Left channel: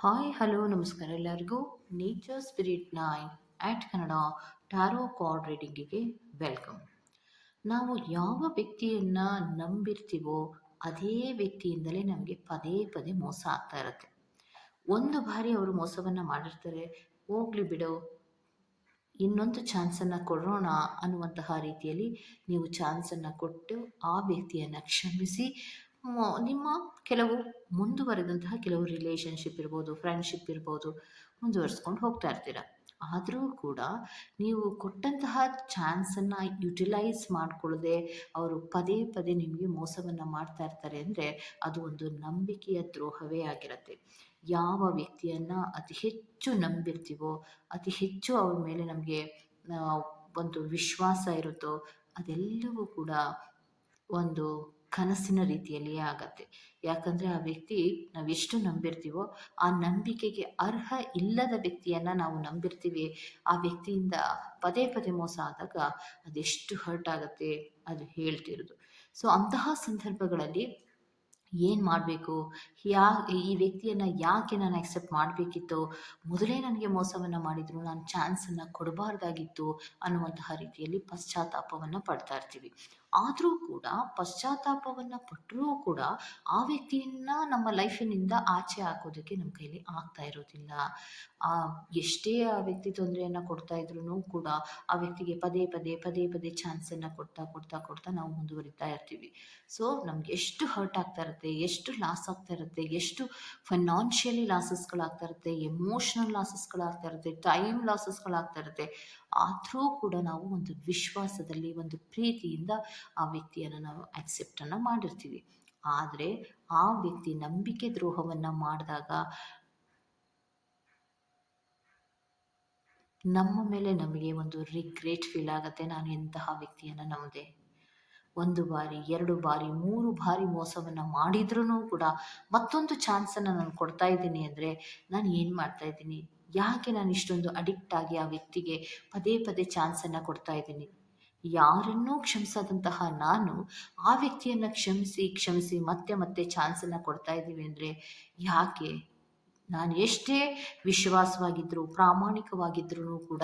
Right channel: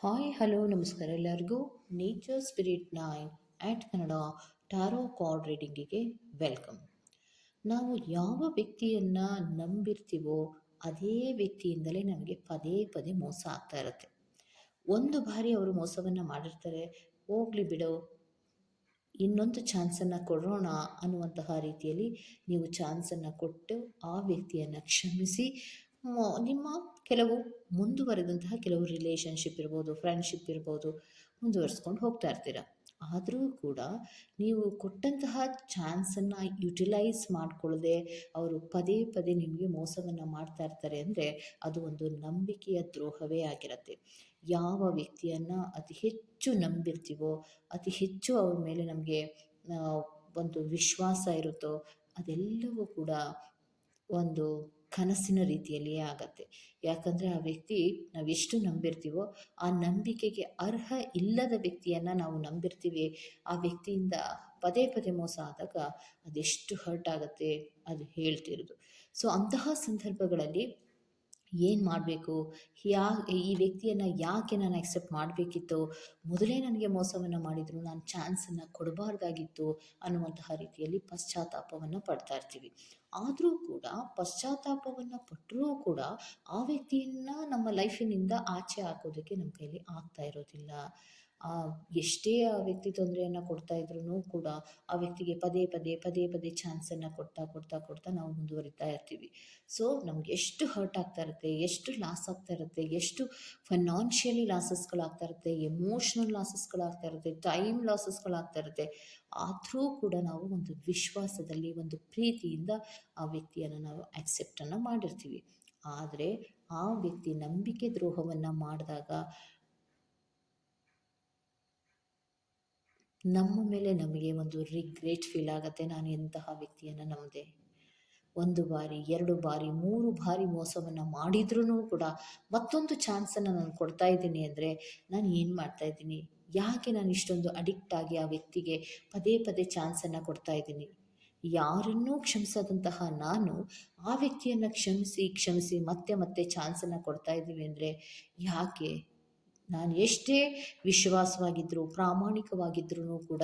Hi hello ನಮಸ್ಕಾರ ಎಲ್ಲರಿಗೂ. Nature spirit nine at Kannada tarot card ರೀಡಿಂಗಿಗೆ welcome ನಾವು ಯಾವ ವ್ಯಕ್ತಿಯನ್ನು ನಂಬಿರ್ತೀವೋ ಅದೇ ವ್ಯಕ್ತಿಯಿಂದಲೇ ನಮಗೆ ಪದೇ ಪದೇ ಮೋಸ ಆಗ್ತಾ ಇರುತ್ತೆ. ಒಂದು ಬಾರಿ ಅವರು ಮೋಸವನ್ನು ಮಾಡಿರ್ತಾರೆ. ಹೋಗ್ಲಿ ಬಿಡೋ, ಇನ್ನೊಂದು ಚಾನ್ಸನ್ನು ಕೊಡೋಣ ಅನ್ನುವಂತಹ ರೀತಿಯಲ್ಲಿ ನೀವು ಚಾನ್ಸನ್ನು ಕೊಟ್ಟು ಆ ವ್ಯಕ್ತಿಯನ್ನು ಕ್ಷಮಿಸಿ ನಿಮ್ಮ ಕೆಲವು ಮುಂದುವರೆದಂತಹ ಕೆಲವು ರಿಲೇಷನ್ಶಿಪ್ ಇರ್ಬೋದು ಫ್ರೆಂಡ್ಶಿಪ್ ಇರ್ಬೋದು ಮುಂದುವರಿಸ್ಕೊಂಡು ಹೋಗ್ತಾ ಇರ್ತೀರ. ಆದರೂ ಕೂಡ ನೀವು ಕೊಟ್ಟಂತಹ ಚಾನ್ಸನ್ನು ಯುಟಿಲೈಸ್ ಮಾಡಿಕೊಳ್ಳದೆ ಅವರು ಪದೇ ಪದೇ ನಿಮಗೆ ಮೋಸವನ್ನು ಮಾಡ್ತಾ ಇರ್ತಾರೆ ಅಂದರೆ ಅದು ಒಂದು ನಂಬಿಕೆಯ ದ್ರೋಹವೇ ಆಗಿರುತ್ತೆ. ಯಾವ ವ್ಯಕ್ತಿಯನ್ನು ಅತಿ ಹೆಚ್ಚು ನಂಬಿರ್ತೀವೋ, ಅತಿ ಹೆಚ್ಚು ಅವ್ರ ಮೇಲೆ ನಮಗೆ ಒಂದು ವಿಶ್ವಾಸ ಇರುತ್ತೋ ಅದೆಲ್ಲವೂ ಕೂಡ ಒಂದು ಕನಸಿನ ರೀತಿಯಲ್ಲಿಯೇ ಆಗತ್ತೆ. ಯಾಕಂದರೆ ಆ ವ್ಯಕ್ತಿ ನಾವೆಷ್ಟು ನಂಬಿರ್ತೀವೋ ಆ ನಂಬಿಕೆಗೆ ಅರ್ಹ ಇಲ್ಲದ ವ್ಯಕ್ತಿಯನ್ನು ನಾವು ನಂಬಿರ್ತೀವಿ. ಆ ವ್ಯಕ್ತಿಯಿಂದ ಪದೇ ಪದೇ ಮೋಸ ಆದಾಗ ಅದೆಷ್ಟು ಹರ್ಟ್ ಆಗುತ್ತೆ ಅದು ಹೇಳ್ತಿರೋದು. ಸೊ ಅಂತಹ ಸಂದರ್ಭಗಳಲ್ಲಿ ಏನು ಮಾಡಬೇಕು? ಯಾ, ಈ ವ್ಯಕ್ತಿಯನ್ನು ಯಾಕೆ ನಾನು ಆಕ್ಸೆಪ್ಟ್ ಮಾಡಬೇಕಿತ್ತು? ಮೊದಲೇ ನನಗೆ ಮೋಸವನ್ನು ಮಾಡಿದ್ರು, ನಾನು ಚಾನ್ಸನ್ನು ಕೊಡಬಾರ್ದಾಗಿತ್ತು ಅನ್ನುವಂತಹ ರೀತಿಯಲ್ಲಿ ಪಶ್ಚಾತ್ತಾಪವನ್ನು ಪಡ್ತಾ ಇರ್ತೀವಿ. ಆದರೂ ಕೂಡ, ಪಶ್ಚಾತ್ತಾಪವನ್ನು ಪಟ್ಟರೂ ಕೂಡ ಆ ವ್ಯಕ್ತಿಯನ್ನು ನಮ್ಮ ಲೈಫಿನಿಂದ ಆಚೆ ಹಾಕೋದಕ್ಕೆ ನಮ್ಮ ಕೈಲಿ ಆಗ್ತಾ ಇರೋದಿಲ್ಲ. ಆ ಎಷ್ಟೇ ಆ ವ್ಯಕ್ತಿ ತೊಂದರೆಯನ್ನು ಕೊಡ್ತಾ ಇದ್ರೂ ಕೂಡ ಆ ವ್ಯಕ್ತಿಗೆ ಪದೇ ಪದೇ ಪದೇ ಪದೇ ಚಾನ್ಸನ್ನು ಕೊಡ್ತಾ ಕೊಡ್ತಾ ಕೊಡ್ತಾ ನಾವು ಮುಂದುವರಿತಾ ಇರ್ತೀವಿ. ಸೊ, ನಮ್ಗೆ ಎಷ್ಟು ಹರ್ಟ್ ಆಗ್ತಾ ಇರುತ್ತೆ, ಎಷ್ಟು ಲಾಸ್ ಆಗ್ತಾ ಇರುತ್ತೆ, ಎಷ್ಟು ಫೈನಾನ್ಷಿಯಲಿ ಲಾಸಸ್ಗಳಾಗ್ತಾ ಇರುತ್ತೆ ಎಮೋಷ್ನಲ್ ಲಾಸಸ್ಗಳಾಗ್ತಾ ಇರುತ್ತೆ ಟೈಮ್ ಲಾಸಸ್ಗಳಾಗ್ತಾ ಇರುತ್ತೆ, ಆದರೂ ಕೂಡ ನಾವು ಒಂದು ವಿಶ್ವಾಸದಲ್ಲಿ, ಒಂದು ಪ್ರೀತಿಯಿಂದ ಆ ವ್ಯಕ್ತಿಯನ್ನು ನಾವು ಆಕ್ಸೆಪ್ಟನ್ನು ಮಾಡಿರ್ತೀವಿ. ಆದರೆ ಆ ವ್ಯಕ್ತಿ ನಂಬಿಕೆ ದ್ರೋಹವನ್ನು ಮಾಡಿದಾಗ ನಮ್ಮ ಮೇಲೆ ನಮಗೆ ಒಂದು ರಿಗ್ರೆಟ್ ಫೀಲ್ ಆಗುತ್ತೆ. ನಾನು ಎಂತಹ ವ್ಯಕ್ತಿಯನ್ನು ನಂಬಿದೆ? ಒಂದು ಬಾರಿ, ಎರಡು ಬಾರಿ, ಮೂರು ಬಾರಿ ಮೋಸವನ್ನು ಮಾಡಿದ್ರೂ ಕೂಡ ಮತ್ತೊಂದು ಚಾನ್ಸನ್ನು ನಾನು ಕೊಡ್ತಾ ಇದ್ದೀನಿ ಅಂದರೆ ನಾನು ಏನು ಮಾಡ್ತಾ ಇದ್ದೀನಿ? ಯಾಕೆ ನಾನು ಇಷ್ಟೊಂದು ಅಡಿಕ್ಟ್ ಆಗಿ ಆ ವ್ಯಕ್ತಿಗೆ ಪದೇ ಪದೇ ಚಾನ್ಸನ್ನು ಕೊಡ್ತಾ ಇದ್ದೀನಿ? ಯಾರನ್ನೂ ಕ್ಷಮಿಸದಂತಹ ನಾನು ಆ ವ್ಯಕ್ತಿಯನ್ನು ಕ್ಷಮಿಸಿ ಕ್ಷಮಿಸಿ ಮತ್ತೆ ಮತ್ತೆ ಚಾನ್ಸನ್ನು ಕೊಡ್ತಾ ಇದ್ದೀವಿ ಅಂದರೆ ಯಾಕೆ? ನಾನು ಎಷ್ಟೇ ವಿಶ್ವಾಸವಾಗಿದ್ದರೂ ಪ್ರಾಮಾಣಿಕವಾಗಿದ್ರೂ ಕೂಡ,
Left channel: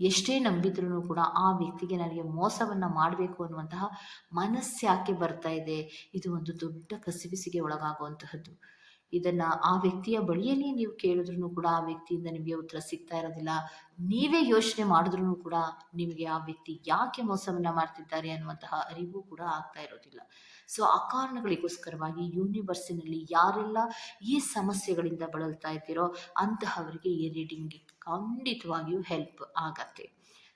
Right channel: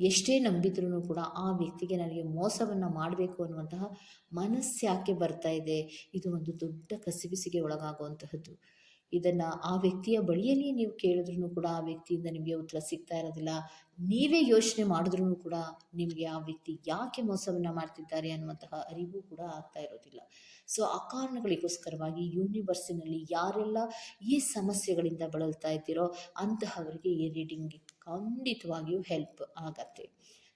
ಎಷ್ಟೇ ನಂಬಿದ್ರೂ ಕೂಡ ಆ ವ್ಯಕ್ತಿಗೆ ನನಗೆ ಮೋಸವನ್ನು ಮಾಡಬೇಕು ಅನ್ನುವಂತಹ ಮನಸ್ಸು ಯಾಕೆ ಬರ್ತಾ ಇದೆ? ಇದು ಒಂದು ದೊಡ್ಡ ಕಸಿವಿಸಿಗೆ ಒಳಗಾಗುವಂತಹದ್ದು. ಇದನ್ನು ಆ ವ್ಯಕ್ತಿಯ ಬಳಿಯಲ್ಲಿ ನೀವು ಕೇಳಿದ್ರೂ ಕೂಡ ಆ ವ್ಯಕ್ತಿಯಿಂದ ನಿಮಗೆ ಉತ್ತರ ಸಿಗ್ತಾ ಇರೋದಿಲ್ಲ. ನೀವೇ ಯೋಚನೆ ಮಾಡಿದ್ರೂ ಕೂಡ ನಿಮಗೆ ಆ ವ್ಯಕ್ತಿ ಯಾಕೆ ಮೋಸವನ್ನ ಮಾಡ್ತಿದ್ದಾರೆ ಅನ್ನುವಂತಹ ಅರಿವು ಕೂಡ ಆಗ್ತಾ ಇರೋದಿಲ್ಲ. ಸೊ ಆ ಕಾರಣಗಳಿಗೋಸ್ಕರವಾಗಿ ಯೂನಿವರ್ಸಿನಲ್ಲಿ ಯಾರೆಲ್ಲ ಈ ಸಮಸ್ಯೆಗಳಿಂದ ಬಳಲ್ತಾ ಇದ್ದೀರೋ ಅಂತಹವರಿಗೆ ಈ ರೀಡಿಂಗ್ ಖಂಡಿತವಾಗಿಯೂ ಹೆಲ್ಪ್ ಆಗತ್ತೆ.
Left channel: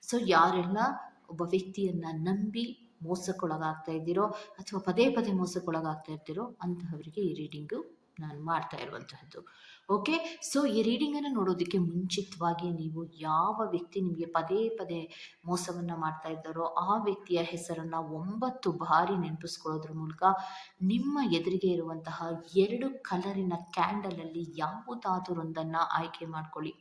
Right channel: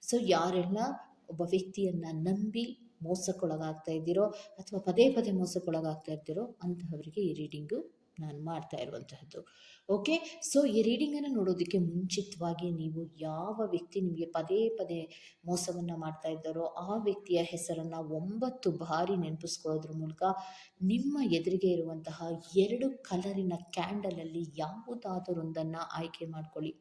ಸೊ ಯಾರೆಲ್ಲ ಒಬ್ಬ ವ್ಯಕ್ತಿಯನ್ನ ನಂಬಿ ಮೋಸಕ್ಕೊಳಗಾಗ್ತಾ ಇದ್ದೀರೋ ಅಥವಾ ಪದೇ ಪದೇ ಮೋಸಕ್ಕೊಳಗಾಗ್ತಾ ಇರ್ತೀರೋ ಅಂತಹವರಿಗೆ ಈ ರೀಡಿಂಗು ನಾನು ಮಾಡ್ತಾ ಇರುವಂತಹದ್ದು. ಓಕೆ ಸೊ ಈ ರೀಡಿಂಗನ್ನು ನೋಡೋದಕ್ಕೆ ಮುಂಚಿತವಾಗಿ ನೀವು ಯಾವ ವ್ಯಕ್ತಿ ನಿಮಗೆ ಪದೇ ಪದೇ ಮೋಸವನ್ನು ಮಾಡ್ತಾ ಇದ್ದಾರೋ, ಆ ವ್ಯಕ್ತಿಯ ಹೆಸರನ್ನು ಒಂಬತ್ತು ಬಾರಿ ನೆನಪಿಸ್ಕೊಳ್ಳೋದ್ರ ಮೂಲಕ ನಿಮ್ಮ ಎದುರಿಗೆ ಇರುವಂತಹ ಎರಡು ಕಲರಿನ ಕ್ಯಾಂಡಲಲ್ಲಿ ಯಾವುದಾದರೊಂದನ್ನು ಆಯ್ಕೆ ಮಾಡ್ಕೊಳ್ಳಿ.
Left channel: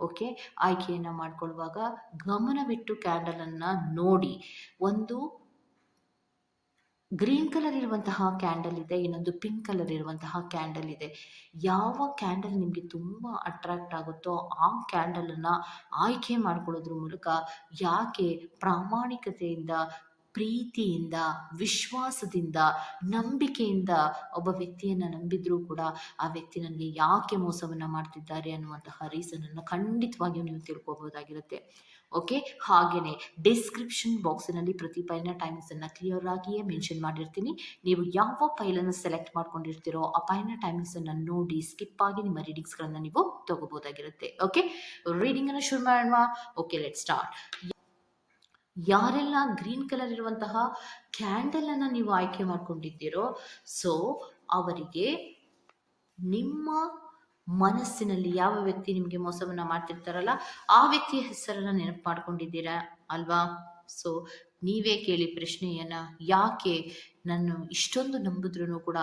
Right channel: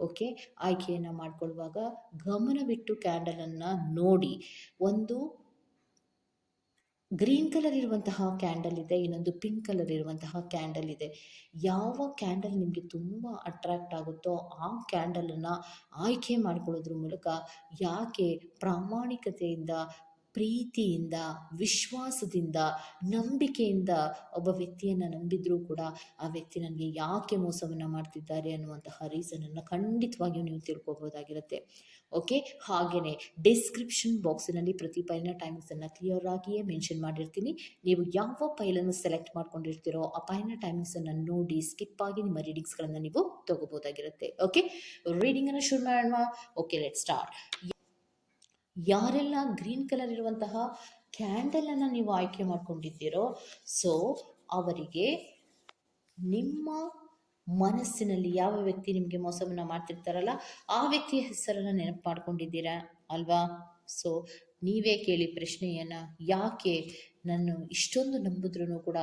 ಓಕೆ ಆಯ್ಕೆಯನ್ನು ಮಾಡ್ಕೊಳ್ಳುವಾಗ ಗಮನವಿಟ್ಟು ಕ್ಯಾಂಡಲನ್ನು ನೋಡಿ. ಒಂದು ಗ್ರೀನ್ ಕಲರ್ ಇರುವಂತಹ ಕ್ಯಾಂಡಲ್ ಇದೆ, ಇನ್ನೊಂದು ಪಿಂಕ್ ಕಲರ್ ಇರುವಂತಹ ಕ್ಯಾಂಡಲ್ ಇದೆ. ಯಾವ ಕ್ಯಾಂಡಲ್ ನಿಮಗೆ ತುಂಬ ಅಟ್ರಾಕ್ಟ್ ಆಗುತ್ತೋ ಆ ಕ್ಯಾಂಡಲನ್ನು ಆಯ್ಕೆ ಮಾಡ್ಕೊಳ್ಳೋದ್ರ ಮೂಲಕ ಯಾಕೆ ಪ್ರಾಮಾಣಿಕತೆಯಿಂದ ಪ್ರೀತಿಯಿಂದ, ವಿಶ್ವಾಸದಿಂದ, ನಂಬಿಕೆಯಿಂದ ಒಬ್ಬ ವ್ಯಕ್ತಿಯನ್ನು ನಂಬಿದ್ರೂ ಕೂಡ ಆ ವ್ಯಕ್ತಿ ನನಗೆ ಯಾಕೆ ಮೋಸವನ್ನು ಮಾಡ್ತಿದ್ದಾರೆ ಅನ್ನುವಂತಹ ರೀಸನನ್ನು ಖಂಡಿತವಾಗಿಯೂ ನೀವು ತಿಳ್ಕೊಬೋದಾಗಿರುತ್ತೆ ಓಕೆ ಹಾಗೆಯೇ ಡಿಸ್ಕ್ರಿಪ್ಷನ್ ಬಾಕ್ಸಿನಲ್ಲಿ ಪ್ರತಿ ಪೈಲಿನ ಟೈಮಿಂಗ್ಸನ್ನು ಕ್ಲಿಯರ್ ಆಗಿಯೇ ಮೆನ್ಷನ್ ಮಾಡಿರ್ತೀನಿ. ನೀವು ಯಾವ ಪೈಲನ್ನು ಸೆಲೆಕ್ಟ್ ಮಾಡ್ಕೊಂಡಿರ್ತೀರೋ ಆ ಪೈಲಿನ ಟೈಮಿಂಗ್ಸನ್ನು ನೋಡಿ ಸ್ಕಿಪ್ ಆಗಿ ನಿಮ್ಮ ರೀಡಿಂಗ್ಸ್ಗಳನ್ನು ನೀವು ತಗೋಬೋದಾಗಿರುತ್ತೆ ಓಕೆ ರೀಡಿಂಗನ್ನು ಶುರು ಮಾಡೋಣ. ಓಕೆ ಲೆಟ್ ಸ್ಟಾರ್ಟ್ ಯಾರೆಲ್ಲ ಗ್ರೀನ್ ಕಲರ್ ಇರುವಂತಹ ಕ್ಯಾಂಡಲನ್ನು ನೀವು ಆಯ್ಕೆ ಮಾಡ್ಕೊಂಡಿದ್ದೀರೋ ಸೊ ಅವರಿಗೆ ನಿಮ್ಮ ಮನಸ್ಸಿನಲ್ಲಿ ಯಾವ ವ್ಯಕ್ತಿ ನಿಮಗೆ ಮೋಸವನ್ನು ಮಾಡ್ತಿರ್ತಾರಲ್ಲ, ಆ ವ್ಯಕ್ತಿಯ ಹೆಸರನ್ನು ನೆನಪು ಮಾಡ್ಕೊಂಡಿದ್ದೀರಾ ಅಲ್ವಾ? ಸೊ ನೀವೇ ಕೇಳಿ ಪ್ರಶ್ನೆಯನ್ನು, ಯಾಕೆ ನಾನು ಇಷ್ಟೊಂದು ನಂಬಿದ್ರೂ ಕೂಡ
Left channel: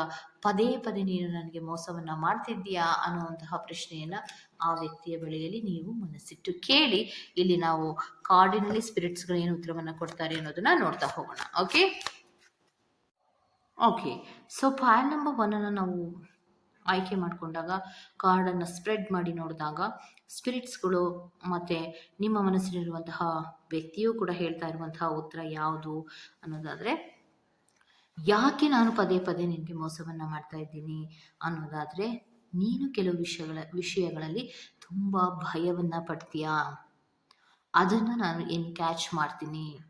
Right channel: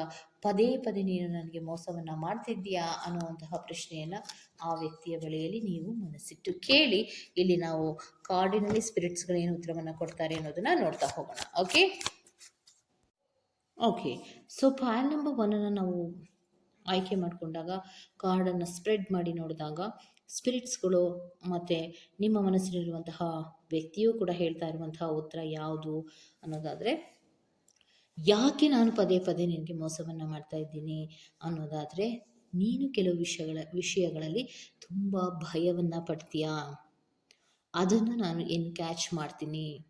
ಪದೇ ಪದೇ ನೀನು ನನಗೆ ಮೋಸವನ್ನು ಮಾಡ್ತಿದ್ದೀಯಾ ಅನ್ನುವಂತಹ ಪ್ರಶ್ನೆಯನ್ನು ಆ ವ್ಯಕ್ತಿಯ ಬಳಿಯಲ್ಲಿ ನೀವು ಮನಸ್ಸಿಟ್ಟು ಕೇಳಿ, ಇಲ್ಲಿ ನಾವು ಕಾರ್ಡಿನಲ್ಲಿ ಸ್ಪಿರಿಟ್ಸ್ಗಳು ಏನು ಉತ್ತರವನ್ನು ಕೊಡ್ತಾರೆ ಅನ್ನೋದನ್ನ ನೋಡ್ತಾ ಹೋಗೋಣ okay okay so point number ಒನ್ನನ್ನು ನಾವು ಆಯ್ಕೆ ಮಾಡಿಕೊಂಡಾಗ ಕಾರ್ಡನ್ನು ಸ್ಪ್ರೆಡ್ ಮಾಡಿ ನೋಡಿದಾಗ ಸ್ಪಿರಿಟ್ಸ್ಗಳು ಮತ್ತು ನಿಮ್ಮ ಮನಸ್ಸಿನಲ್ಲಿರುವಂತಹ ವ್ಯಕ್ತಿಯೂ ಕೂಡ ಹೇಳ್ತಾ ಇರುವಂತಹ ಉತ್ತರ ಯಾವುದು ಅನ್ನೋದಾದರೆ, ಯಾಕೆ ನಾನು ಪದೇ ಪದೇ ನಿನಗೆ ಮೋಸವನ್ನು ಮಾಡ್ತಾ ಇದ್ದೀನಿ? ಅನ್ನೋದಾದರೆ ನೀನು ಕೆಲವು ವಿಷಯಗಳ, ವಿಷಯಗಳಲ್ಲಿ ತುಂಬ ಭಯವನ್ನು ಪಡ್ತೀಯಾ? ಅದನ್ನು ನಾನು ಏನು ಕ್ಯಾಚ್ ಮಾಡ್ತೀನಿ?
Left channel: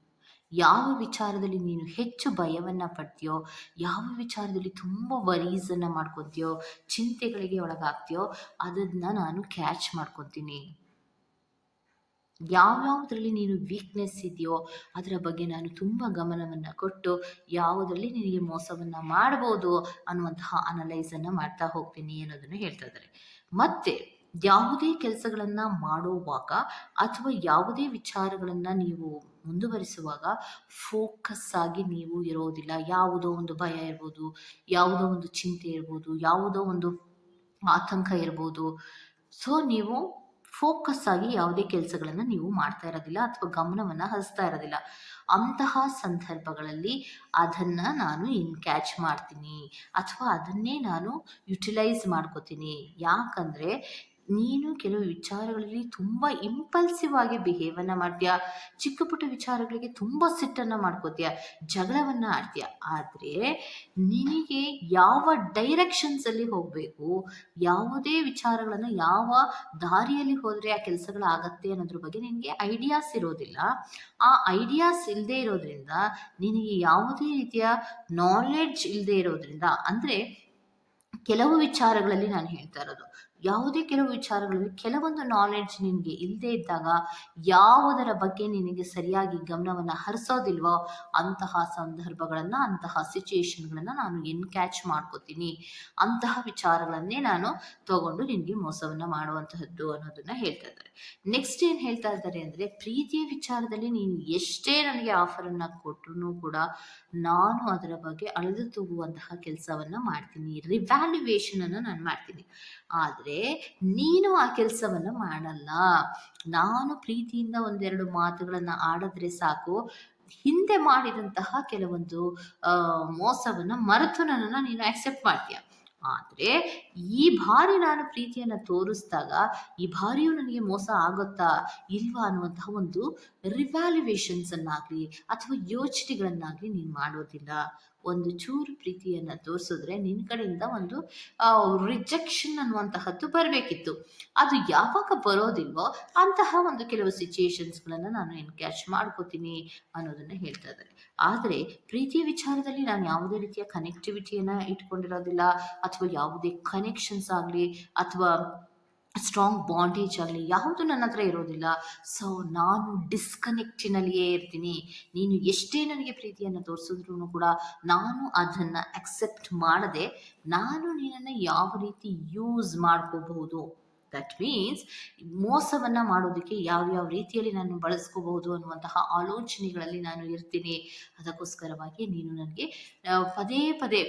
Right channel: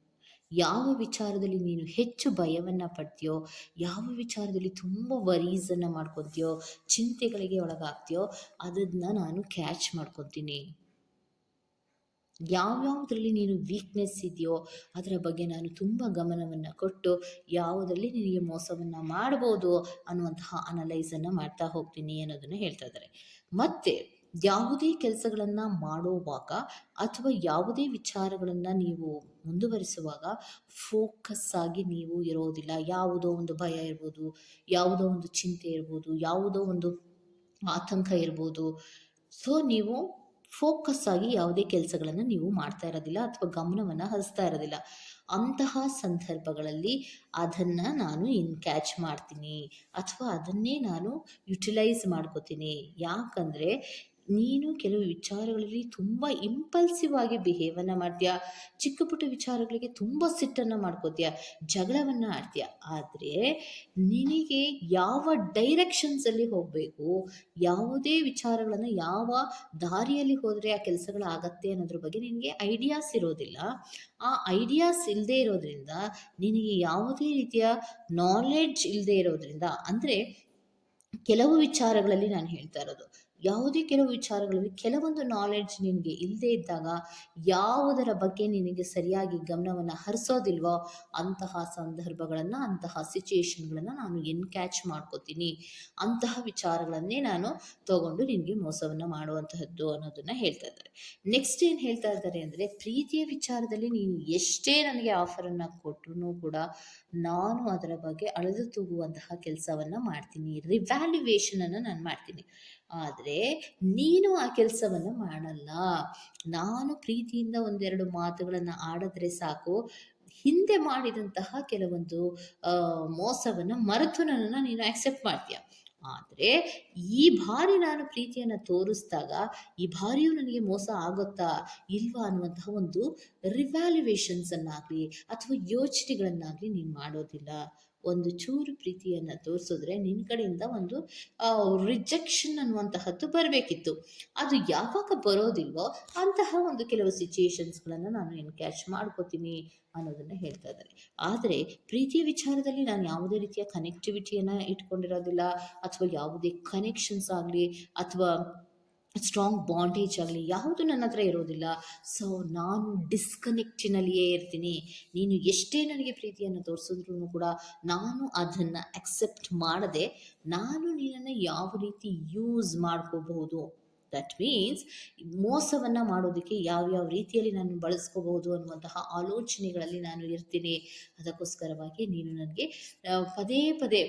ಯಾವ ವಿಚಾರದಲ್ಲಿ ನೀನು ಹೆಚ್ಚು ಭಯವನ್ನು ಪಡ್ತೀಯೋ, ಯಾವ ವಿಚಾರದಲ್ಲಿ ತುಂಬ ವರೀಸನ್ನು ಮಾಡ್ಕೊತೀಯೋ, ಚಿಂತೆಗಳಿಗೆ ಒಳಗಾಗ್ತೀಯೋ, ಅದನ್ನು ನಾನು ಕ್ಯಾಚ್ ಮಾಡ್ಕೊತೀನಿ. ಯಾವ್ಯಾವುದರಲ್ಲಿ ನೀನು ವೀಕ್ನೆಸ್ ಇದೆಯೋ ಅದರ ಬಗ್ಗೆ ನಾನು ತುಂಬ ಗಮನವನ್ನು ಕೊಟ್ಟು ಯಾವುದರಲ್ಲಿ ನಿನಗೆ ಮೋಸವನ್ನು ಮಾಡ್ಬೋದು ಅನ್ನುವಂತಹ ಅನಲೈಸನ್ನು ಮಾಡ್ತಾ ಹೋಗ್ತೀನಿ ಅನ್ನೋದನ್ನು ಹೇಳ್ತಾ ಇದ್ದಾರೆ. ಮತ್ತೆ ಯಾವುದೇ ಕೆಲಸಗಳನ್ನು ಮಾಡುವಾಗ ಅಥವಾ ಯಾವುದೇ ವಿಚಾರಗಳನ್ನು ನೀವು ಮುಂದುವರಿಸುವಾಗ ಫೋಕಸ್ ಆಗಿ ನೀವು ಇರೋದಿಲ್ಲ. ಯಾವುದೋ ಒಂದು ಭಯ ಇರ್ಬೋದು, ಯಾವುದೋ ಒಂದು ಚಿಂತೆ ಇರ್ಬೋದು, ಯಾವುದೋ ಒಂದು ಆತಂಕ ಇರ್ಬೋದು. ಸೊ ನೀವು ಫೋಕಸ್ ಆಗಿ ಯಾವುದೇ ಕೆಲಸಗಳನ್ನು ನೀವು ಮಾಡ್ತಾ ಇರೋದಿಲ್ಲ ಅಥವಾ ಗಮನವನ್ನ ಹರಿಸ್ತಾ ಇರೋದಿಲ್ಲ. ಅಂತಹ ಸಂದರ್ಭಗಳಲ್ಲಿ ಅದನ್ನ ನಾನು ಇನ್ ಕ್ಯಾಚ್ ಮಾಡ್ತೀನಿ ಅಥವಾ ಅದನ್ನೇ ನಾನು ಯುಟಿಲೈಸ್ ಮಾಡ್ಕೋತೀನಿ. ಯಾಕಂದರೆ ನೀನು ಕೆಲವು ವಿಚಾರಗಳಲ್ಲಿ ತುಂಬ ಇಂಪಲ್ಸಿವ್ ಆಗಿ ಬಿಹೇವನ್ನು ಮಾಡ್ತೀಯ? ಚಿಕ್ಕ ಪುಟ್ಟ ವಿಚಾರಗಳಿಗೆ ತುಂಬ ಸಿಟ್ಟನ್ನು ಮಾಡ್ಕೋತೀಯ? ಜಗಳವನ್ನು ಆಡ್ತೀಯ? ಆದರೆ ನಿನಗೆ ಯಾವ ಡೈರೆಕ್ಷನ್ಸಲ್ಲಿ ಹೋಗಬೇಕು, ಯಾವುದೇ ವಿಚಾರಗಳನ್ನು ಯಾವ ದಾರಿಯಲ್ಲಿ ಹೋದರೆ ಆ ಕೆಲಸಗಳಾಗತ್ತೆ ಅನ್ನೋದ್ರ ಬಗ್ಗೆ ನಿನಗೆ ಐಡಿಯಾಸ್ ಇರೋದಿಲ್ಲ. ಆ ಐಡಿಯಾಸ್ ಇಲ್ಲದೆ ಇರೋದ್ರಿಂದ ನಿನಗೆ ಯಾವುದೇ ರೀತಿಯ ನಾಲೆಡ್ಜ್ ಇಲ್ಲದೆ ಇರೋದ್ರಿಂದ, ಅಂದರೆ ಕೆಲವು ವಿಚಾರಗಳಲ್ಲಿ ನಾನು ಹೇಳ್ತಾ ಇರೋದು ಯಾವುದೇ ಕೆಲವು ವಿಚಾರಗಳಲ್ಲಿ ಕೆಲವೊಂದು ನಾಲೆಡ್ಜ್ ನಿನಗೆ ಇಲ್ಲದೆ ಇದ್ದಾಗ ಯಾವುದರ ಬಗ್ಗೆ ನಿನಗೆ ಸರಿಯಾಗಿ ಗಮನವನ್ನು ಹರಿಸೋದಿಲ್ವೋ ಅಂತಹ ಸಂದರ್ಭಗಳನ್ನು, ಅಂತಹ ಸಿಚುಯೇಷನ್ಗಳನ್ನು ನಾನು ಎನ್ ಕ್ಯಾಚ್ ಮಾಡ್ಕೋತೀನಿ. ಅಂತಹ ವಿಚಾರಗಳನ್ನೇ ನಾನು ತಗೊಂಡು ನಿನಗೆ ಮೋಸವನ್ನು ಮಾಡುವಂತಹದ್ದು ಅನ್ನೋದನ್ನು ಹೇಳ್ತಾ ಇದ್ದಾರೆ. ನೆಕ್ಸ್ಟ್ ಏನು ಹೇಳ್ತಾ ಇದ್ದಾರೆ ಅಂದರೆ ಪ್ರೀತಿಯ ವಿಚಾರದಲ್ಲಿ ನೀನು ಎಷ್ಟೇ ನನಗೆ ಆಫರನ್ನು ಕೊಟ್ಟರು ಕೂಡ ನಾನು ಅದರ ಬಗ್ಗೆ ಅಳೆದು ತೂಗುವಂತಹ ಕೆಲಸವನ್ನು ಮಾಡ್ತೀನಿ. ರಿವ್ಯಾಲ್ಯುವೇಷನನ್ನು ನಾನು ಮಾಡ್ತೀನಿ. ಆದರೆ ನೀನು ಆ ಕೆಲಸವನ್ನು ಮಾಡಲ್ಲ. ನಾನು ಪ್ರೀತಿಯಿಂದ ಒಂದೆರಡು ಮಾತುಗಳನ್ನು ಆಡಿದ್ರೆ ಸಾಕು. ಹಿಂದೆ ಮಾಡಿದಂತಹ ಕೆಲವೊಂದು ಮೋಸವನ್ನು ಮರೆತು ನನ್ನನ್ನು ನೀನು ಆಕ್ಸೆಪ್ಟ್ ಮಾಡ್ತೀಯ. ಆದರೆ ಈ ಬಾರಿ ನಾನು ಪ್ರೀತಿಯನ್ನು ತೋರಿಸಿದಾಗ ಈ ಬಾರಿಯೂ ನನಗೆ ಮೋಸ ಆಗುತ್ತಾ ಇಲ್ವಾ ಅನ್ನುವಂತಹ ಒಂದು ರಿವ್ಯಾಲ್ಯುವೇಷನ್ಸನ್ನಾಗಲಿ ಅಥವಾ ಯೋಚನೆಗಳನ್ನಾಗಲಿ ನೀನು ಮಾಡೋದಿಲ್ಲ. ಒಂದು ಚೂರು ಪ್ರೀತಿಯನ್ನು ತೋರಿಸಿದ್ರೆ ನಿನ್ನ ಕಡೆಯಿಂದ ಒಂದು ರಿಜೆಕ್ಷನ್ ಅನ್ನುವಂತಹದ್ದು ಬರಬೇಕಿತ್ತು. ಅದು ಯಾವಾಗ ಬರೋದಿಲ್ವೋ ಅಂತಹ ಒಂದು ಕೆಲವು ಸಿಚುಯೇಷನ್ಸ್ಗಳನ್ನು ನಾನು ಎನ್ಕ್ಯಾಚ್ ಮಾಡ್ಕೋತೀನಿ ಅನ್ನೋದನ್ನು ಹೇಳ್ತಾ ಇದ್ದಾರೆ. ಆದರೆ ಪ್ರೀತಿಯ ವಿಚಾರದಲ್ಲಿ ನಾನು ಯಾವುದೇ ರೀತಿಯ ಕನೆಕ್ಟಿವಿಟಿಯನ್ನು ಇಟ್ಕೊಂಡಿರೋದಿಲ್ಲ, ಅಥವಾ ಯಾವುದೇ ಕನೆಕ್ಷನ್ಸ್ ಆಗಲಿ, ಅಥವಾ ಸ್ಟ್ರಾಂಗ್ ಬಾಂಡೇಜ್ ಆಗಲಿ ಯಾವುದು ನನ್ನ ಹತ್ರ ಇರೋದಿಲ್ಲ. ಸೊ ನಾನು ಡಿಸ್ಕನೆಕ್ಟಿನಲ್ಲಿಯೇ ಇರ್ತೀನಿ. ನೀನು ಎಷ್ಟೇ ನನಗೆ ಪ್ರೀತಿಯನ್ನು ತೋರಿಸಿದ್ರು ಕೂಡ ನಾನು ಅದನ್ನು ಅಕ್ಸೆಪ್ಟ್ ಮಾಡದೆ ನಾನು ನಿನ್ನನ್ನು ಯಾವ ರೀತಿ ಯೂಸ್ ಮಾಡ್ಕೋಬಹುದು? ದಟ್ ಮೀನ್ಸ್ ಮೋಸವನ್ನು ಮಾಡೋದಕ್ಕೆ ಯಾವ್ಯಾವ ರೀತಿಯಲ್ಲಿ ನಾನು ಬಳಸ್ಕೋಬಹುದು ಅನ್ನುವಂತಹ ಆಲೋಚನೆಗಳಲ್ಲಿ ನಾನು ಇರ್ತೀನಿ. ಅದಕ್ಕೋಸ್ಕರವಾಗಿ ನೀನು ನನಗೆ ಪದೇ ಪದೇ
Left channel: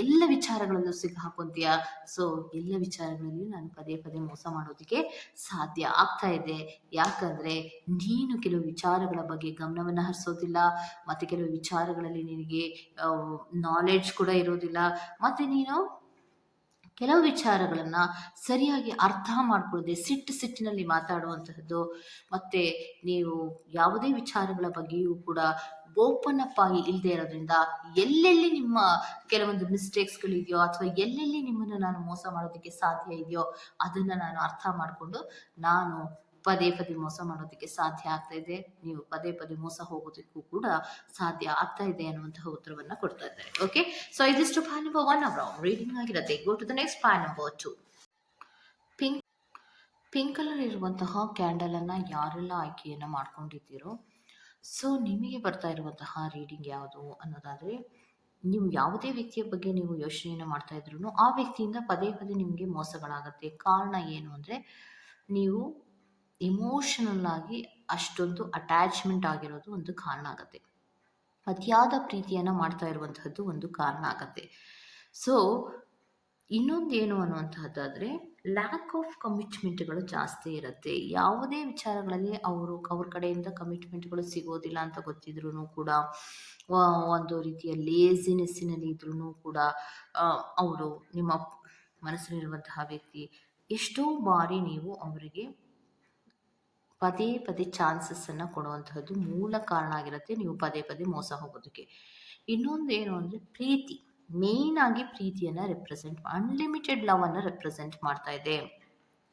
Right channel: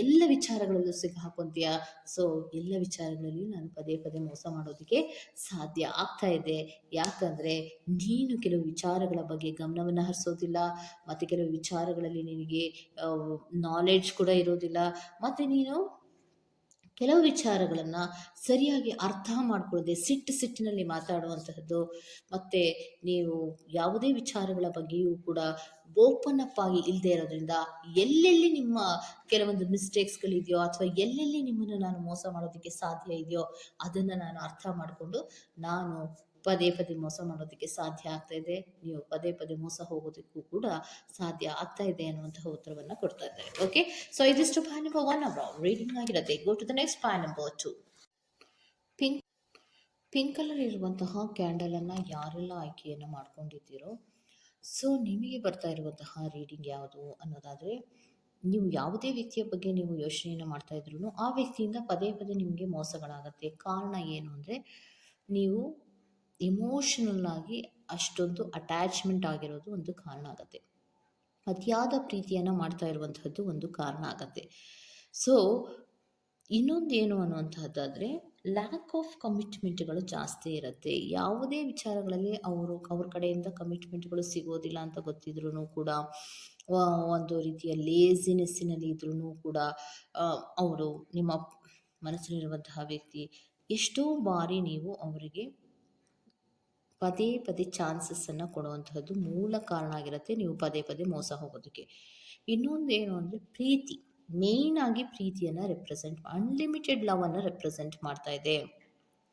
ಎಲ್ಲ ವಿಚಾರಗಳಲ್ಲೂ ಸಿಕ್ಕಾಕೊಂತೀಯ ಸೊ ಎಲ್ಲ ವಿಚಾರಗಳಲ್ಲಿಯೂ ನಾನು ಪದೇ ಪದೇ ಮೋಸ ಮಾಡೋದಕ್ಕೆ ಸಾಧ್ಯ ಆಗ್ತಾ ಇದೆ. ಯಾಕಂದರೆ ನೀನು ಕೆಲವು ವಿಚಾರಗಳ ಬಗ್ಗೆ ಗಮನವನ್ನು ಹರಿಸೋದಿಲ್ಲ, ಮತ್ತು ಕೆಲವು ವಿಚಾರಗಳಲ್ಲಿ ನಿನಗೆ ನಾಲೆಡ್ಜ್ ಕೂಡ ಇರೋದಿಲ್ಲ, ಮತ್ತು ನೀನು ಕೆಲವು ವಿಚಾರಗಳನ್ನು ಸರಿಯಾಗಿ ಅರ್ಥ ಮಾಡ್ಕೊಳ್ಳದೆ ಸಿಟ್ಟು ಸಿಟ್ಟಿನಲ್ಲಿ ಮಾತಾಡುವಂತಹದ್ದು, ಮತ್ತು ನೀವು ಯಾವುದೇ ವಿಚಾರಗಳ ಬಗ್ಗೆಯೂ ಕೂಡ ಓಪನ್ ಅಪ್ ಆಗಿ ಇಲ್ಲದೆ ಇರೋದ್ರಿಂದ ಎಲ್ಲೆಲ್ಲಿ ನಿಮ್ಮ ಕೆಲವೊಂದು ಮಿಸ್ಟೇಕ್ಸ್ಗಳಿದೆಯೋ ಅಥವಾ ಎಲ್ಲೆಲ್ಲಿ ನಿಮ್ಮನ್ನು ನಾನು ಮೋಸ ಮಾಡೋದಕ್ಕೆ ಸಾಧ್ಯ ಇದೆಯೋ ಅದನ್ನು ನಾನು ಅರ್ಥ ಮಾಡಿಕೊಂಡು ನಾನು ಪದೇ ಪದೇ ಮೋಸ ಮಾಡೋದಕ್ಕೆ ಸಾಧ್ಯ ಆಗ್ತಾ ಇದೆ. ನೀವು ಪದೇ ಪದೇ ಮೋಸ ಹೋಗೋದಕ್ಕೂ ಕೂಡ ಸಾಧ್ಯ ಆಗ್ತಾ ಇದೆ ಅನ್ನುವಂತಹ ಉತ್ತರವನ್ನು ಕೊಡ್ತಾ ಇದ್ದಾರೆ. ಓಕೆ ಸೊ ಇದಿಷ್ಟು pile number one our reading ಆಗಿರುತ್ತೆ. Go to the next pile number two pink pink colour ಇರುವಂತಹ ಕ್ಯಾಂಡಲನ್ನು ಯಾರೆಲ್ಲ ಆಯ್ಕೆಯನ್ನ ಮಾಡ್ಕೊಂಡಿದ್ದೀರೋ ಸೊ ನಿಮಗೆ ಬರ್ತಾ ಇರುವಂತಹ ರೀಡಿಂಗ್ ಯಾವುದು ಅನ್ನೋದಾದ್ರೆ, ನೀವು ಯಾವುದೇ ವ್ಯಕ್ತಿಯ ಬಗ್ಗೆ ನೀವು ಯೋಚನೆಯನ್ನು ಮಾಡ್ತಾ ಇದ್ರು ಆ ವ್ಯಕ್ತಿಯಿಂದ ಪದೇ ಪದೇ ನಿಮಗೆ ಮೋಸಗಳಾಗುತ್ತೆ. ಕಾರಣ ಏನು ಅಂದರೆ, ನೀವು ಇಮೋಷನಲ್ ಆಗಿ ಅಷ್ಟೊಂದು ಅಟ್ಯಾಚ್ಮೆಂಟ್ ಆಗಿರೋದು ಒಂದು ಕಾರಣ ಆಗುತ್ತೆ. ಅತಿಯಾದ ಪ್ರೀತಿಯನ್ನು ಮಾಡ್ತಾ ಇರುವಂತಹದ್ದು ಒಂದು ಕಾರಣ ಆಗತ್ತೆ. ಸೊ ಇನ್ನೊಂದೇನು ಅನ್ನುವಂಥದ್ದಾದರೆ ಲ್ಯಾಕ್ ಆಫ್ ಕಮಿಟ್ಮೆಂಟ್ಗಳು ಜಾಸ್ತಿ ಇರುತ್ತೆ. ಯಾವುದೇ ವಿಚಾರಗಳಲ್ಲಿ ಅವರು, ಅವ್ರ ಕಡೆಯಿಂದ ಕಮಿಟ್ಮೆಂಟ್ಗಳು ಸಿಗೋದಿಲ್ಲ ಅಂತ ಗೊತ್ತಿದ್ರೂ ಕೂಡ ಒಂದು ರೀತಿಯ ಲೇಸಿನೆಸ್ಸಿನಲ್ಲಿ ಇದ್ರೂ ಕೂಡ ಅವರು ನಿಮ್ಮ ಮನಸ್ಸಿನಲ್ಲಿರುವಂತಹ ವ್ಯಕ್ತಿ ಎಷ್ಟೋ ಬಾರಿ ನೀವು ಅವರಿಗೆ ಪದೇ ಪದೇ ಚಾನ್ಸಸ್ಸನ್ನು ಕೊಡುವಂತಹದ್ದು ಮೂಲ ಕಾರಣ ಆಗಿರುತ್ತೆ. ನೀವು ಪದೇ ಪದೇ ಮೋಸ ಹೋಗೋದಕ್ಕೆ. ಇನ್ನೊಂದು ಏನು ಅಂದರೆ ಪ್ರೀತಿ. ಮೇಯ್ನ್ ಆಗಿ ಪ್ರೀತಿಯನ್ನು ರೆಪ್ರೆಸೆಂಟ್ ಅನ್ಲಿಮಿಟೆಡ್ ಲವನ್ನು ರೆಪ್ರೆಸೆಂಟ್ ಮಾಡ್ತಾ ಇದೆ.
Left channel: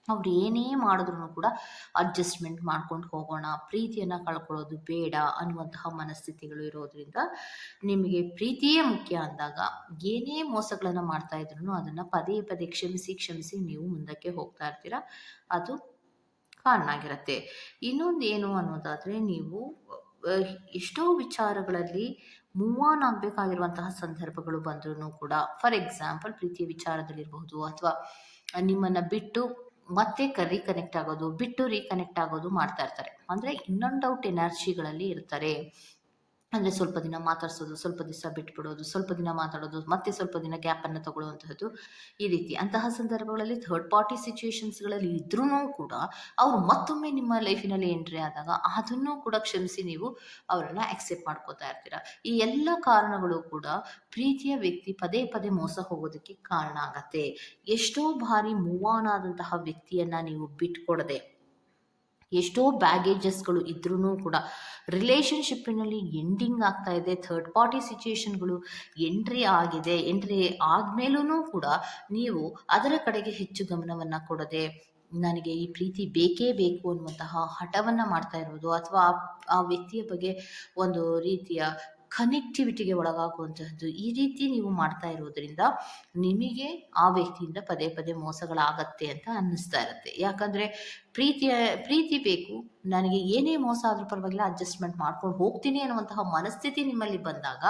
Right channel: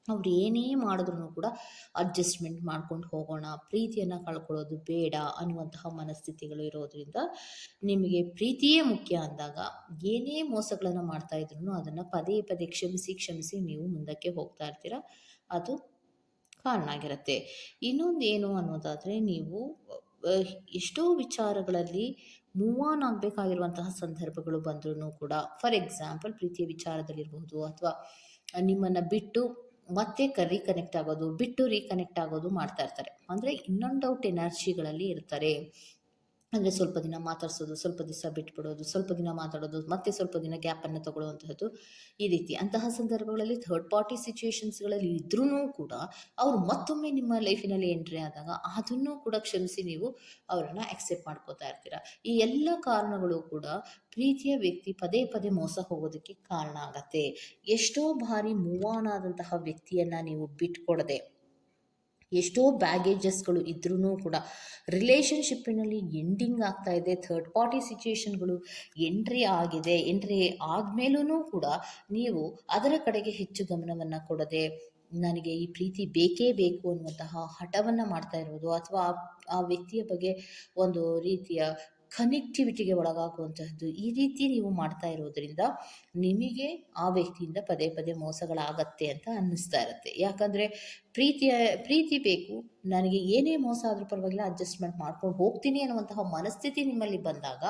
ಅವ್ರು ಏನೇ ಮಾಡಿದ್ರು ಕೂಡ ಅಡ್ಜಸ್ಟ್ಮೆಂಟ್ ಮಾಡ್ಕೊಂಡು ಹೋಗೋಣ. ಪ್ರೀತಿಯನ್ನು ಕಳ್ಕೊಳ್ಳೋದು ಬೇಡ ಅನ್ನುವಂತಹ ಮನಸ್ಥಿತಿಗಳು ಇರೋದ್ರಿಂದ ನಿಮಗೆ ಪ್ರೀತಿಯೇ ಮುಖ್ಯ ಅಂದಾಗ ಏನೇ ಮೋಸಗಳನ್ನು ಮಾಡ್ತಾ ಇದ್ರು ಅದನ್ನು ಪದೇ ಪದೇ ಕ್ಷಮಿಸಿ ಕ್ಷಮಿಸಿ ನೀವು ಮುಂದಕ್ಕೆ ಹೋಗ್ತಾ ಇರ್ತೀರ. ಅದು ಕಾರಣ ಆಗಿರುತ್ತೆ ಇನ್ನೊಂದು ಏನು ಅನ್ನೋದಾದರೆ ನೀವು ಎಷ್ಟೋ ವಿಚಾರಗಳಲ್ಲಿ ಮೂವ್ ಆನ್ ಆಗಬೇಕಾಗಿರುವಂತಹ ಸಂದರ್ಭಗಳು ಬಂದ್ರೂ ಕೂಡ, ಫಾರ್ ಎಕ್ಸಾಂಪಲ್ ಪ್ರೀತಿಯ ವಿಚಾರದಲ್ಲಿರಬಹುದು ಅಥವಾ ನಿಮ್ಮನ್ನು ಬಿಟ್ಟು ಮತ್ತೆ ರೀಕನೆಕ್ಟ್ ಆಗೋದು, ಬಿಟ್ಟು ರೀಕನೆಕ್ಟ್ ಆಗೋದು ಮಾಡ್ತಾ ಇರ್ತಾರೆ. ಅಂದರೆ ಇನ್ನೊಂದು ಔಟ್ ಎನರ್ಜಿಗಳಲ್ಲಿ ಇರ್ತಾರೆ. ಅಂದರೆ ಸ್ವಲ್ಪ ದಿನ ಮಾತಾಡ್ಸೋದು, ಸ್ವಲ್ಪ ದಿವಸ ಬಿಟ್ಬಿಡೋದು, ಸ್ವಲ್ಪ ದಿನ ಮಾತಾಡೋದು, ಮತ್ತೆ ಸ್ವಲ್ಪ ದಿನ ಗ್ಯಾಪನ್ನು ತಗೊಳ್ಳುವಂಥದ್ದು ಈ ರೀತಿ. ಅಂತಹ ಸಂದರ್ಭಗಳಲ್ಲಿ ಥರ್ಡ್ ಪಾರ್ಟಿ ಸಿಚುವೇಶನ್ಸ್ಗಳಲ್ಲಿ ಇದ್ರೂ ಕೂಡ ಅವರು ಮತ್ತೊಮ್ಮೆ ನಿಮ್ಮ ಲೈಫಿನಲ್ಲಿ ಎಂಟ್ರಿ ಆದಾಗ ಅದನ್ನು ಕೂಡ ಕ್ಷಮಿಸಿ ನೀವು ಅವರನ್ನು ಅಕ್ಸೆಪ್ಟ್ ಮಾಡ್ಕೋತಾ ಇರ್ತೀರ. ಈ ಎಲ್ಲ ಕಾರಣಗಳು ಕೂಡ ಪ್ರೀತಿಯ ವ್ಯಕ್ತಿ ಪದೇ ಪದೇ ಮೋಸ ಹೋಗೋದಕ್ಕೆ ಕಾರಣ ಆಗತ್ತೆ. ಎಷ್ಟೋ ಬಾರಿ ಮೂವ್ ಆದಂತಹ ವ್ಯಕ್ತಿಯನ್ನು ನೀವು ಬಿಟ್ಕೊಡದೆ ಎಷ್ಟೋ ಬ್ಯಾಗೇಜಸ್ಗಳು ಇದ್ರೂ ಕೂಡ ರಿಲೇಷನ್ಶಿಪ್ಪಿನಲ್ಲಿ ಎಂಡಿಂಗ್ ಆಗ್ತಾ ಇದೆ. ಥರ್ಡ್ ಪಾರ್ಟಿ ಸಿಚುಯೇಷನ್ಗಳು ಎಂಟ್ರಿ ಆಗಿದೆ. ಎಂಟ್ರಿ ಆದಮೇಲೂ ಕೂಡ ನೀವು ಅದರ ಕಡೆಗೆ ಹೆಚ್ಚು ಗಮನವನ್ನು ಕೊಡದೆ ನನಗೆ ಈ ಪ್ರೀತಿ ಬೇಕೇ ಬೇಕು ಅನ್ನುವಂತಹ ಹಠವನ್ನು ಮಾಡ್ತಾ ಇರೋದು ಅಥವಾ ಆ- ಆ ವ್ಯಕ್ತಿಯ ಬಗ್ಗೆ ಒಂದು ರೀತಿಯ ಕನೆಕ್ಟಿವಿಟಿಗೆ ಒಳಗಾಗುವಂತಹದ್ದು ಈ ರೀತಿ ನೀವು ಮಾಡ್ತಾ ಇರೋದ್ರಿಂದ ನಿಮಗೆ ಆ ವ್ಯಕ್ತಿಯಿಂದ ಪದೇ ಪದೇ ಮೋಸಗಳಾಗತ್ತೆ ಅಂತ ಅನ್ನಿಸ್ತಾ ಇರುತ್ತೆ. ಯಾಕಂದರೆ ಪ್ರೀತಿಯ, ಪ್ರೀತಿ ಬೇಕು, ನನಗೆ ಏನೇ ಮೋಸ ಆದರೂ ಪರವಾಗಿಲ್ಲ ಅಡ್ಜಸ್ಟ್ಮೆಂಟ್ ಮಾಡ್ಕೊಂಡು ಹೋಗ್ತೀನಿ ಅನ್ನುವಂತಹ ಮನಸ್ಥಿತಿ ನಿಮ್ಮಲ್ಲಿ ಬಂದಾಗ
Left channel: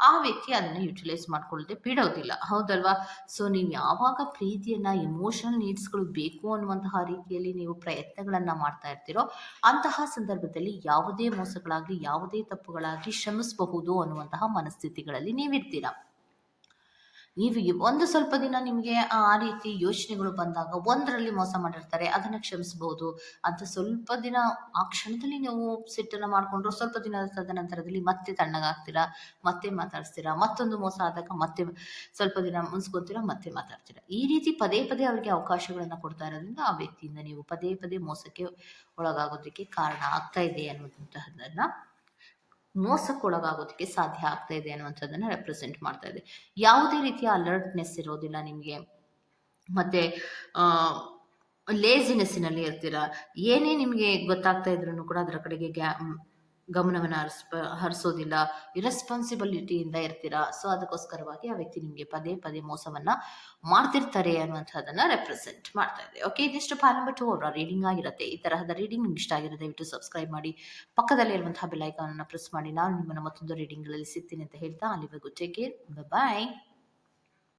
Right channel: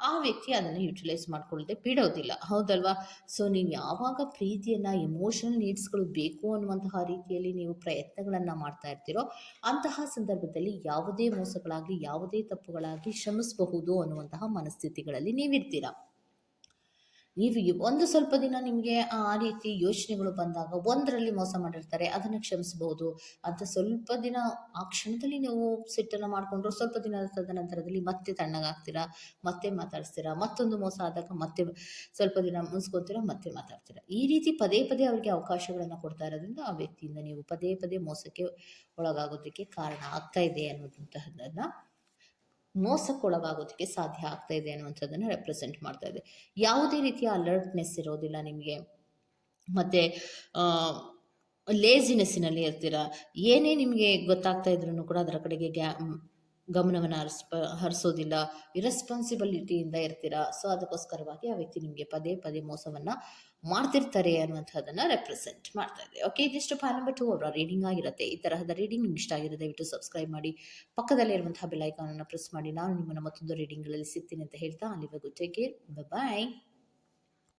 ಆ ವ್ಯಕ್ತಿ ಅದನ್ನ ಯುಟಿಲೈಸ್ ಮಾಡ್ಕೊಳ್ಳದೆ ಬಿಡೋದಿಲ್ಲ. ಹೌದಲ್ವಾ? ಸೊ ನೀವು ಯಾವಾಗ ಪ್ರೀತಿಯನ್ನು ಇಮೋಷನಲ್ ನೀಡ್ಸ್ಗಳು ಬೇಕು ಅನ್ನುವಂತಹ ರೀತಿಯಲ್ಲಿ ನೀವು ಪ್ರಯತ್ನಗಳನ್ನು ಮಾಡ್ತಾ ಇರ್ತೀರೋ, ಅಂತಹ ಸಂದರ್ಭದಲ್ಲಿ ಯಾವುದೇ ಮೋಸಗಳಾಗಲಿ, ಯಾವುದೇ ತಪ್ಪುಗಳಾಗಲಿ ಶ್ರಮಿಸಬಹುದು ಅನ್ನುವಂತಹ ಮನಸ್ಥಿತಿಗಳಲ್ಲಿ ನೀವಿರ್ತೀರ. ನೀವು ಒಂದು ಸ್ವಲ್ಪ ದಿನ ನಿಮಗೆ ಆ ರೀತಿ ಯೋಚನೆಗಳು ಬಂದಾಗ ಒಂದರಲ್ಲಿ ಮೋಸ ಮಾಡಿರ್ತಾರೆ, ಅದನ್ನು ಕ್ಷಮಿಸಬಹುದು ಅಂತ ಸ್ವಲ್ಪ ದಿನ ಆ ಕ್ಷಣದಲ್ಲಿ ನೀವು ಸಿಟ್ಟನ್ನು ಮಾಡಿಕೊಂಡ್ರು ಸ್ವಲ್ಪ ದಿನ ತದನಂತರದಲ್ಲಿ ಮತ್ತೆ ತಣ್ಣಗಾಗ್ತೀರಾ, ಮತ್ತೆ ಮಾತಾಡ್ತೀರಾ ಮತ್ತೊಂದು ಮೋಸ ಆದಾಗ ಮತ್ತೆ ಸ್ವಲ್ಪ ದಿನ ಮುನ್ಸ್ಕೊತೀರಾ, ಮತ್ತೆ ಮಾತಾಡ್ತೀರಾ. ಈ ರೀತಿ ಪದೇ ಪದೇ ಅವರಿಗೆ ಅವಕಾಶಗಳನ್ನು ಕೊಡ್ತಾ ಇರೋದ್ರಿಂದ ಆ ವ್ಯಕ್ತಿಯಿಂದ ನೀವು ಪದೇ ಪದೇ ಮೋಸಕ್ಕೆ ಒಳಗಾಗೋದಕ್ಕೆ ಕಾರಣ ಆಗ್ತಾ ಇದೆ ಅನ್ನುವಂತಹದ್ದನ್ನು ಮೋಸಕ್ಕೊಳಗಾಗೋದಕ್ಕೆ ಸಾಧ್ಯ ಆಗ್ತಾ ಇದೆ ಅನ್ನುವಂಥದ್ದನ್ನ ರೆಪ್ರೆಸೆಂಟ್ ಮಾಡ್ತಾ ಇದೆ. ಯಾವುದೇ ರೀತಿಯ ಅಲರ್ಟ್ನೆಸ್ ಇರೋದಿಲ್ಲ ನಿಮಗೆ. ಮತ್ತೆ ಲೇಸಿನೆಸ್ಸಿನಲ್ಲಿ ಇರ್ತೀರ. ಏನೇ ನಿಮಗೆ ಗೊತ್ತಾಗ್ತಾ ಇದ್ರೂ ಕೂಡ ಅದರ ಕಡೆಗೆ ಗ್ಯಾ ಗಮನವನ್ನು ಹರಿಸ್ಪ ಹರಿಸೋದಿಲ್ಲ ಇರೆಸ್ಪಾನ್ಸಿಬಿಲಿಟಿಯಿಂದ ಇರ್ತೀರಾ? ಸೊ ಅದಕ್ಕೋಸ್ಕರವಾಗಿ ಆ ವ್ಯಕ್ತಿ ನಿಮಗೆ ಪದೇ ಪದೇ ಮೋಸವನ್ನು ಮಾಡ್ತಿರ್ತಾರೆ ಅನ್ನುವಂಥದ್ದನ್ನು ರೆಪ್ರೆಸೆಂಟ್ ಮಾಡ್ತಾ ಇದೆ ಓಕೆ ಇದಿಷ್ಟು ಪಾಲ್ ನಂಬರ್ ಟು ಅವರ ರೀಡಿಂಗ್ ಆಗಿರುತ್ತೆ. ಈ ತರಹದ ರೀಡಿಂಗ್ ನಿಮ್ಗೆ ಇಷ್ಟ ಆಗಿರೋ ದಯವಿಟ್ಟು ಸಬ್ಸ್ಕ್ರೈಬ್ ಮಾಡಿ. ಪಕ್ಕದಲ್ಲಿರುವಂತಹ ಬೆಲ್ಲೈಕಾನನ್ನು ಪ್ರೆಸ್ ಮಾಡಿ. ನಾನು ನಿಮ್ಮನ್ನು ಮತ್ತೊಂದು ರೀಡಿಂಗ್ಗಳಲ್ಲಿ ಸಿಗ್ತೀನಿ ಅಂತ ಹೇಳ್ತಾ ಅಲ್ಲಿವರೆಗೂ ಟೇಕ್ ಕೇರ್ ಬಾಯ್